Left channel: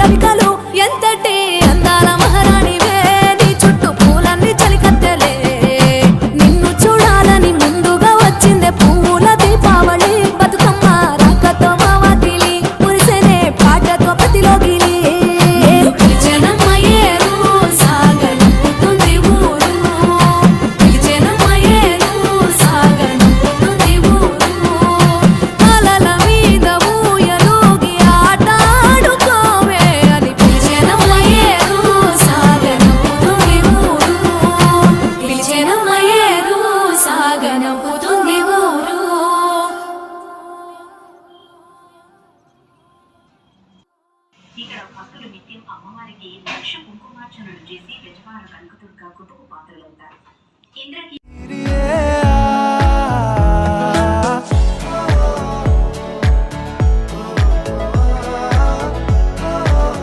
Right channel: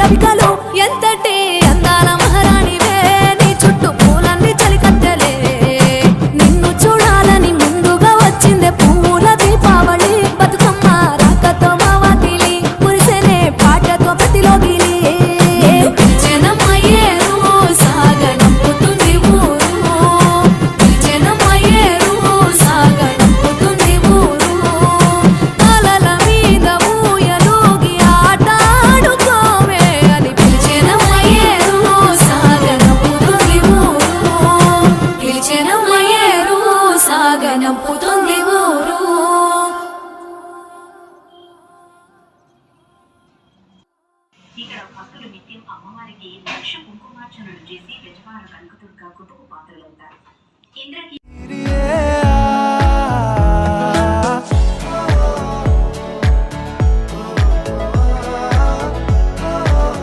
రవికలు ఎంతటి అందాల మహారాణివే నీ చుట్టూ పూలన్నీ చలికత్తెలే నిన్ను చూడాలని ముందుగా వచ్చిందే పూల దీపావళి బతుకమ్మ రాకతో మా వాకిలి మురిసెనే పాటతో ప్రతిలోగిలి ఇక్కడ భక్తులు నిత్యం అమ్మవారికి లక్ష కుంకుమార్చనలు చేసి యజమానులు కనకదుర్గ కృపకు పాత్రలవుతారు.